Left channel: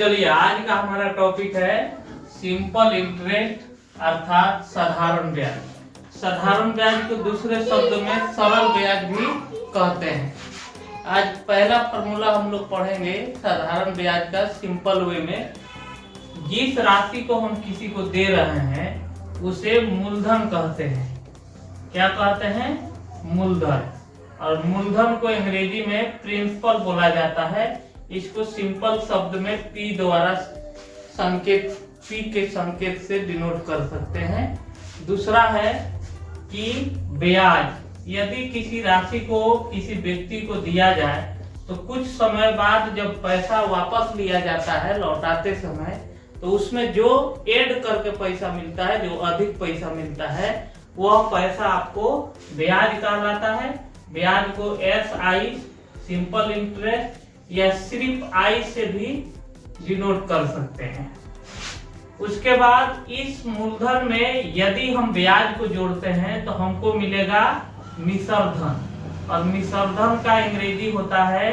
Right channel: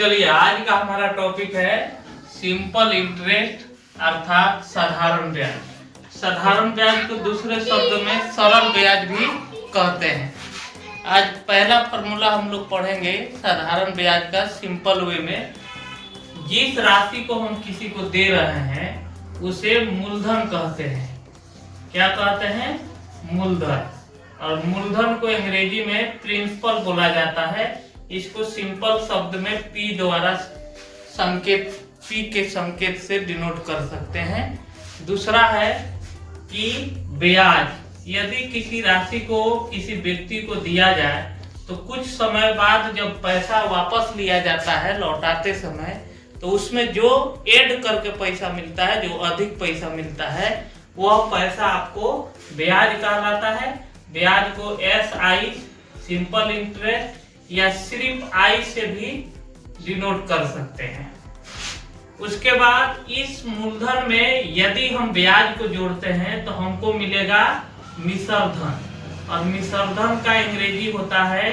चलिए आज का हमारा टॉपिक है सिंपल इंटरेस्ट अर्थात साधारण ब्याज। साधारण ब्याज को दूसरे शब्द में सरल ब्याज भी कहते हैं। आज पहला फॉर्मूला हम लोग पढ़ेंगे साधारण ब्याज का सिंपल वे में। जिस राशि को हम किसी को दे रहे हैं उसे मूलधन कहते हैं। क्या कहते हैं? मूलधन। और मूलधन को अंग्रेजी में प्रिंसिपल बोला जाता है। इसको सिंपल शब्द में P द्वारा संकेत P के संकेत से डिनोट कर सकते हैं। दूसरा है कि ब्याज यदि किसी राशि को किसी व्यक्ति को दिया जाए तो कुछ समय बाद जब पैसा वापस लिया जाता है लौटाते समय, तो उसमें जो ऐड करके पैसा मिलता है, जो अधिक पैसा मिलता है, वह पैसा आपको ब्याज कहलाता है। ब्याज को SI सिंपल इंटरेस्ट या सिर्फ I से भी डिनोट कर सकते हैं। उसके बाद इस मूलधन में यदि हम ब्याज को जोड़ते हैं तो हमको मिलेगा मिश्र धन, और मिश्र धन का अंग्रेजी होता है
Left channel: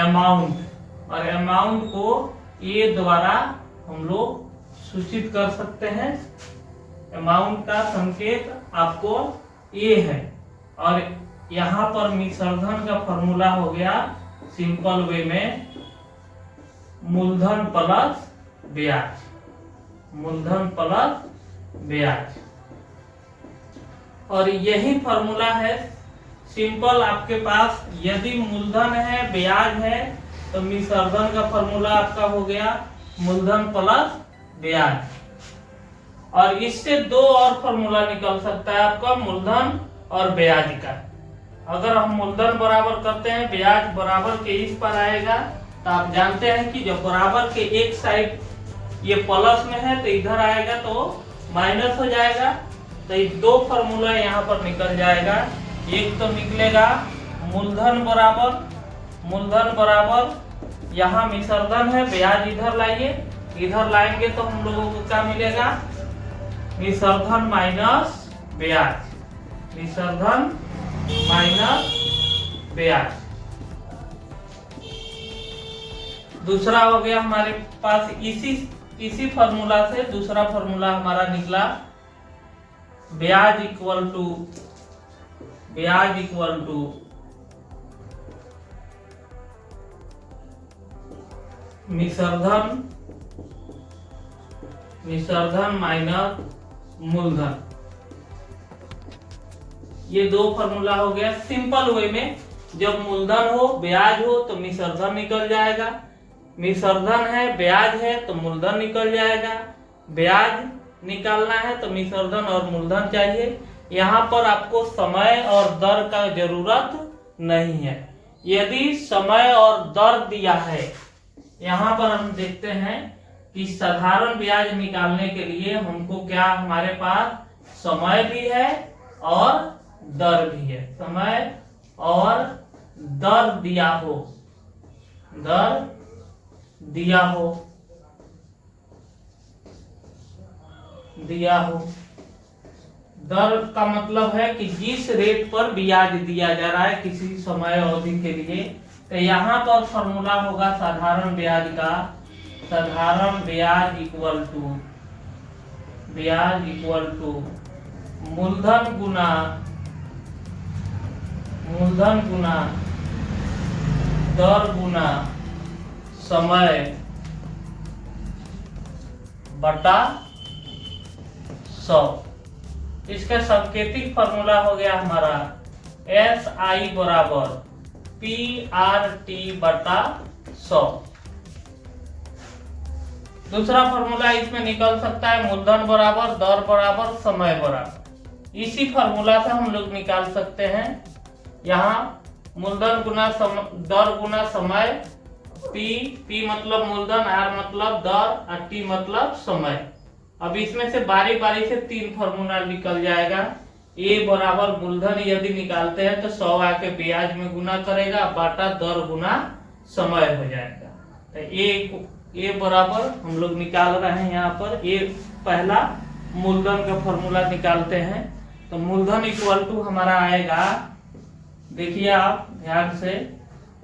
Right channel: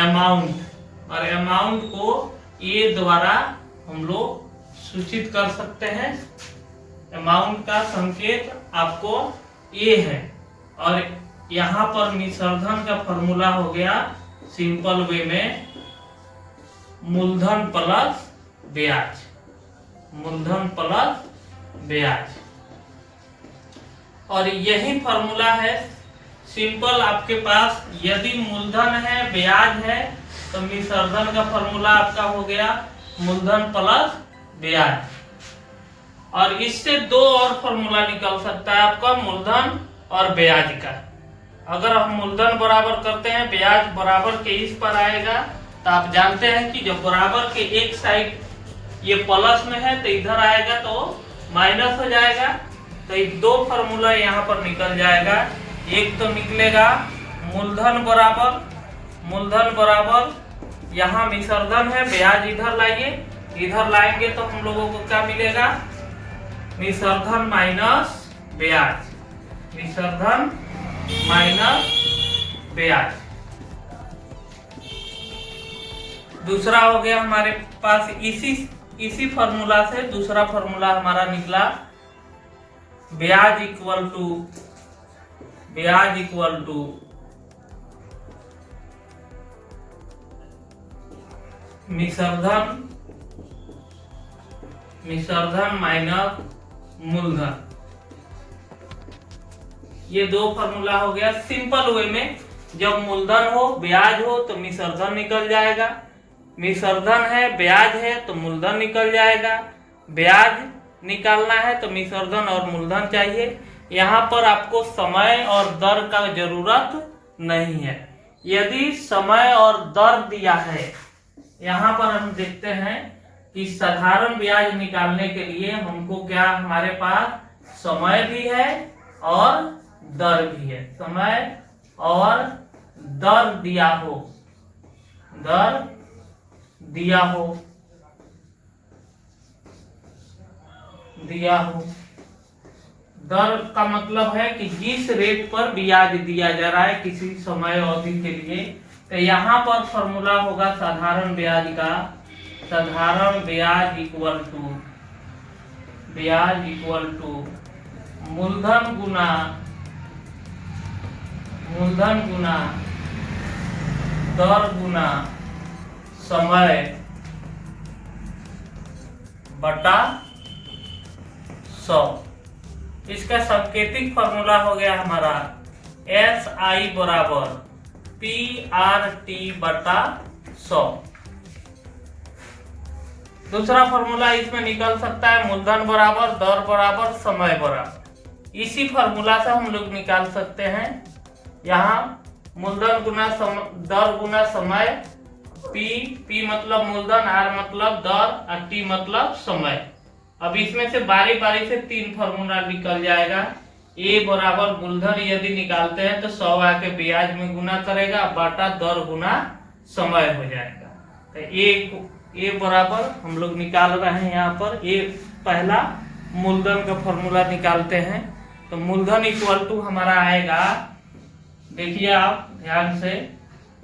अमाउंट, और अमाउंट को A द्वारा हम लोग सूचित कर सकते हैं। अमाउंट का संकेत आपको A है, और यहाँ पर मिश्र धन का फॉर्मूला हो गया सिंपल वे में मूलधन प्लस ब्याज। मूलधन प्लस ब्याज, और यही फॉर्मूला है सिंपल। आपके पास यदि मूलधन है ब्याज है तो मिश्र धन का फॉर्मूला आपका हो गया मूलधन प्लस ब्याज। और इससे दो और फॉर्मूला निकल सकता है आपका मूलधन और ब्याज का। अगर हम मूलधन बराबर करते हैं ब्याज बराबर के इस पर आएगा, तो आप जानते हैं कि जब बराबर के एक साइड ये प्लस में है तो इधर आएगा तो माइनस हो जाएगा। तो ये दो फॉर्मूला यहाँ पर निकल जाएगा। एक तो निकलेगा मूलधन बराबर यहाँ मिश्र धन है, ब्याज इधर लाइए, इधर लाएंगे तो हम लोगों को क्या मिलेगा? मिश्र धन माइनस ब्याज, मिश्र धन माइनस ब्याज। दूसरा हो गया हमारे पास इसी फॉर्मूला से दूसरा फॉर्मूला हमारा निकला ब्याज इक्वल टू मिश्र धन माइनस मूलधन। ये दो फॉर्मूला हो गया सिंपल वे में। जब मूलधन हो ब्याज हो तो मिश्र धन निकल जाएगा, मिश्र धन है ब्याज है तो मूलधन निकल जाएगा। ब्याज निकालना है तो मिश्र धन और मूलधन चाहिए। यहाँ पर आपको समय और दर का जरूरत नहीं है। यदि समय और दर दिया है, यहाँ पर हम देखते हैं कि साधारण ब्याज निकालने के लिए हमको क्या हमारे पास समय भी है और दर भी है। समय और दर दिया हो, दर का मतलब है कि जिस रेट पर ब्याज दिया जा रहा है किसी समय अवधि के लिए। तो यहाँ पर फॉर्मूला होगा साधारण ब्याज का, साधारण ब्याज इक्वल टू मूलधन गुना दर गुना समय बटा 100। इसका सांकेतिक फॉर्मूला हो गया हमारा SI बराबर PRT बटा 100। दूसरा फॉर्मूला इसमें निकल सकता है मूलधन बराबर दर बराबर समय बराबर। इसी फॉर्मूला से हम लोग निकाल सकते हैं। यहाँ मूलधन गुना दर गुना समय, P मतलब मूलधन, R मतलब दर और T मतलब समय। अब इसमें से बारी बारी से तीन फॉर्मूला निकल जाएगा। A बराबर मूलधन यदि निकालते हैं तो 100 आके ब्याज में गुना करेगा, बाटा दर गुना समय हो जाएगा। तो A बराबर हम लोग निकाल रहे हैं। यहाँ पर A पहला मूलधन का फॉर्मूला निकालते हैं। तो मूलधन इक्वल टू हमारा आएगा, देखिए आप ध्यान से,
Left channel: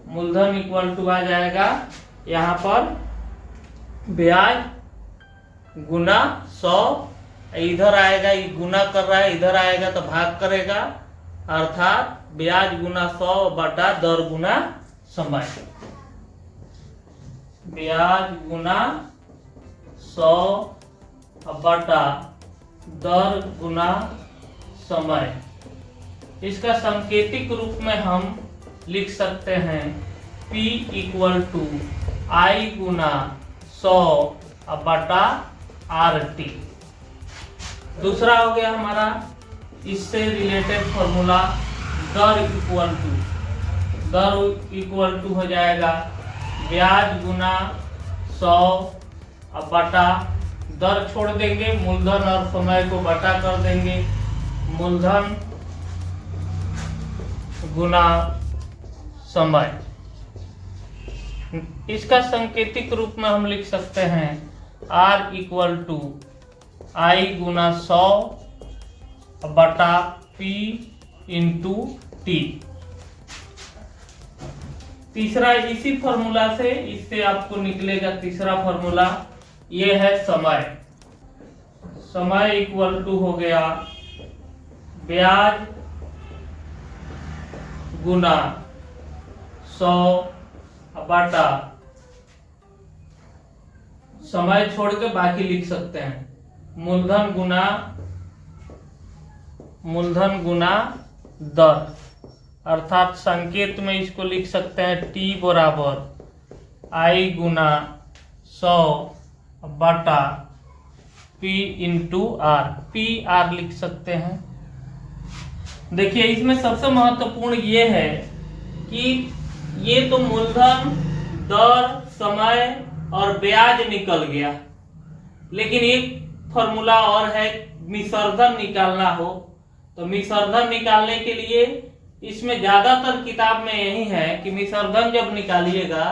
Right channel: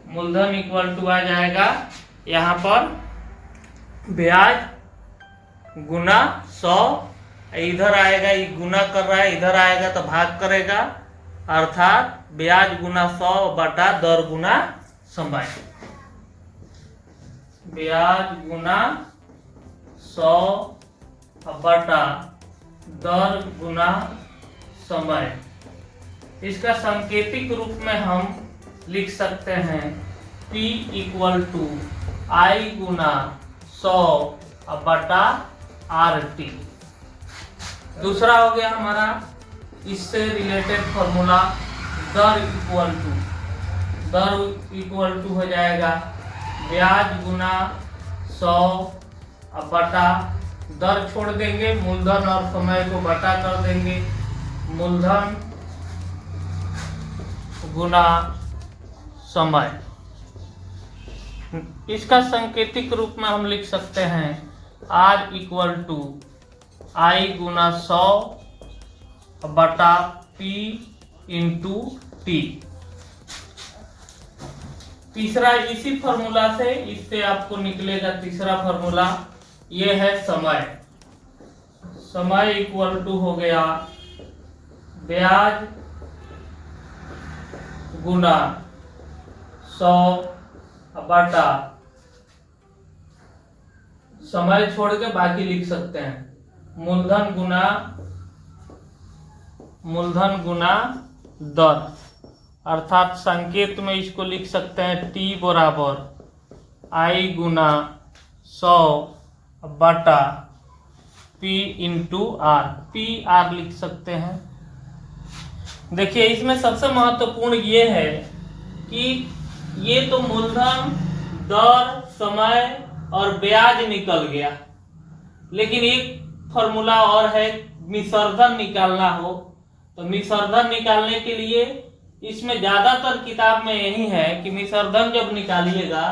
मूलधन इक्वल टू आ जाएगा यहाँ पर ब्याज गुना 100, इधर आएगा, ये गुना कर रहा है, इधर आएगा तो भाग करेगा, अर्थात ब्याज गुना 100 बटा दर गुना समय। ब्याज गुना 100 बटा दर गुना समय। इसका सांकेतिक रूप में हम लिख सकते हैं P इक्वल टू आई गुना 100 बटा RT। दूसरा हो गया हमारा इससे रिलेटेड फॉर्मूला, दर इक्वल टू हो जाएगा ब्याज गुना 100 बटा, दर छोड़ देंगे, मूलधन और समय को बटा कर देंगे, मूलधन गुना समय। इसका सांकेतिक रूप में हम लिख सकते हैं R इक्वल टू आई गुना 100 बटा P इंटू T। तीसरा इसी फॉर्मूला से, इससे आपको निकलेगा तीसरा फॉर्मूला, ये है समय। समय इक्वल टू हो गया ब्याज गुना 100 बटा, समय छोड़ के बाकी लिख सकते हैं, मूलधन गुना दर, अर्थात संकेत में इसको लिख सकते हैं T बराबर आई गुना 100 बटा P इंटू R, PR लिख सकते हैं। देखिए इसमें सबसे महत्वपूर्ण ये है कि ये तो मूलधन, दर, समय और ब्याज निकल गया, लेकिन एक फॉर्मूला और है, मिश्रधन निकालना हो तो मिश्रधन निकालने के लिए इसमें ज्यादातर किताब में यही है कि मिश्रधन जब निकालिएगा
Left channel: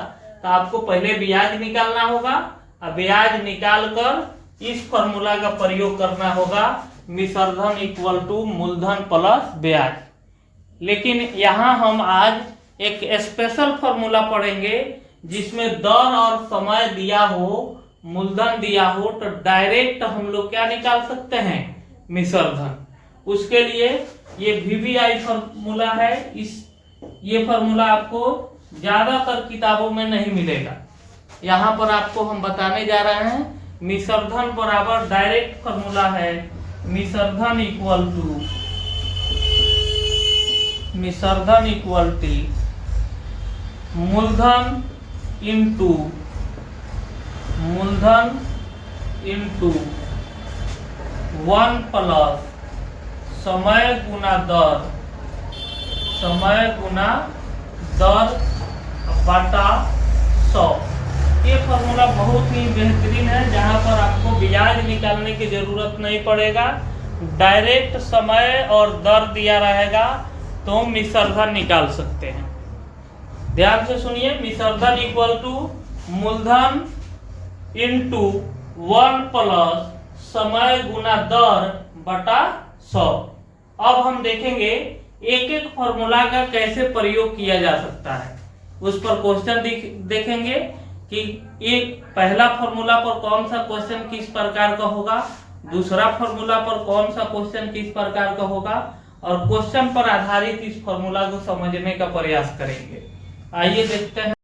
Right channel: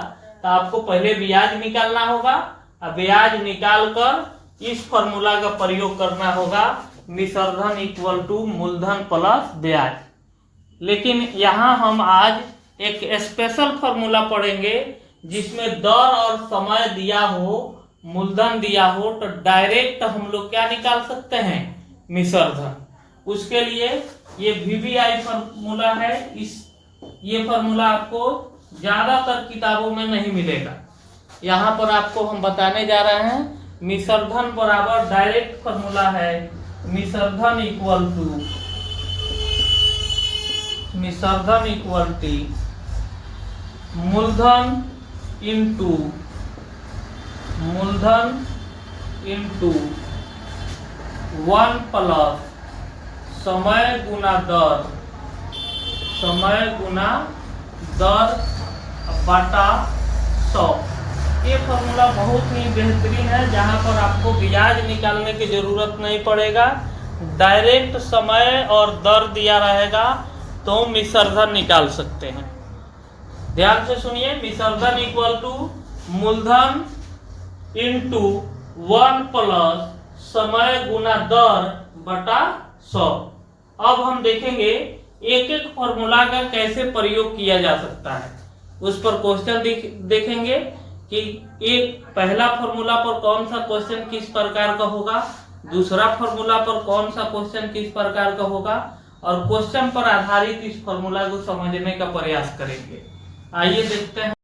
तो आपको पहले ब्याज निकालना होगा और ब्याज निकाल कर इस फॉर्मूला का प्रयोग करना होगा, मिश्रधन इक्वल टू मूलधन प्लस ब्याज। लेकिन यहाँ हम आज एक स्पेशल फॉर्मूला पढ़ेंगे जिसमें दर और समय दिया हो, मूलधन दिया हो, तो डायरेक्ट हम लोग क्या निकाल सकते हैं, मिश्रधन। उसके लिए ये VBI फॉर्मूला है, ये फॉर्मूला आपको ज्यादातर किताबों में नहीं मिलेगा। यहाँ पर आपको हम बताने जा रहे हैं मिश्रधन बराबर डायरेक्ट फॉर्मूला है, मिश्रधन इक्वल टू मूलधन इंटू 1 प्लस समय गुना दर बटा 100। ये फॉर्मूला बहुत ही बेहतरीन है, जहां पर आपको ब्याज निकालने की जरूरत नहीं पड़ेगा, डायरेक्ट समय और दर दिया रहेगा तो मिश्रधन निकाल सकते हैं। ध्यान से सुनिए, मिश्रधन इक्वल टू मूलधन इंटू 1 प्लस समय गुना दर बटा 100। अब हम देखेंगे एक एक फॉर्मूला का कैसे प्रयोग किया जा सकता है, उस पर क्वेश्चन देखेंगे कि एक पहला फॉर्मूला पर कौन सा क्वेश्चन किस प्रकार का होगा, दूसरा फॉर्मूला पर कौन सा क्वेश्चन किस प्रकार का होगा, और क्वेश्चन पर आधारित इस फॉर्मूला को समझने का प्रयास करेंगे। आइए देखते हैं।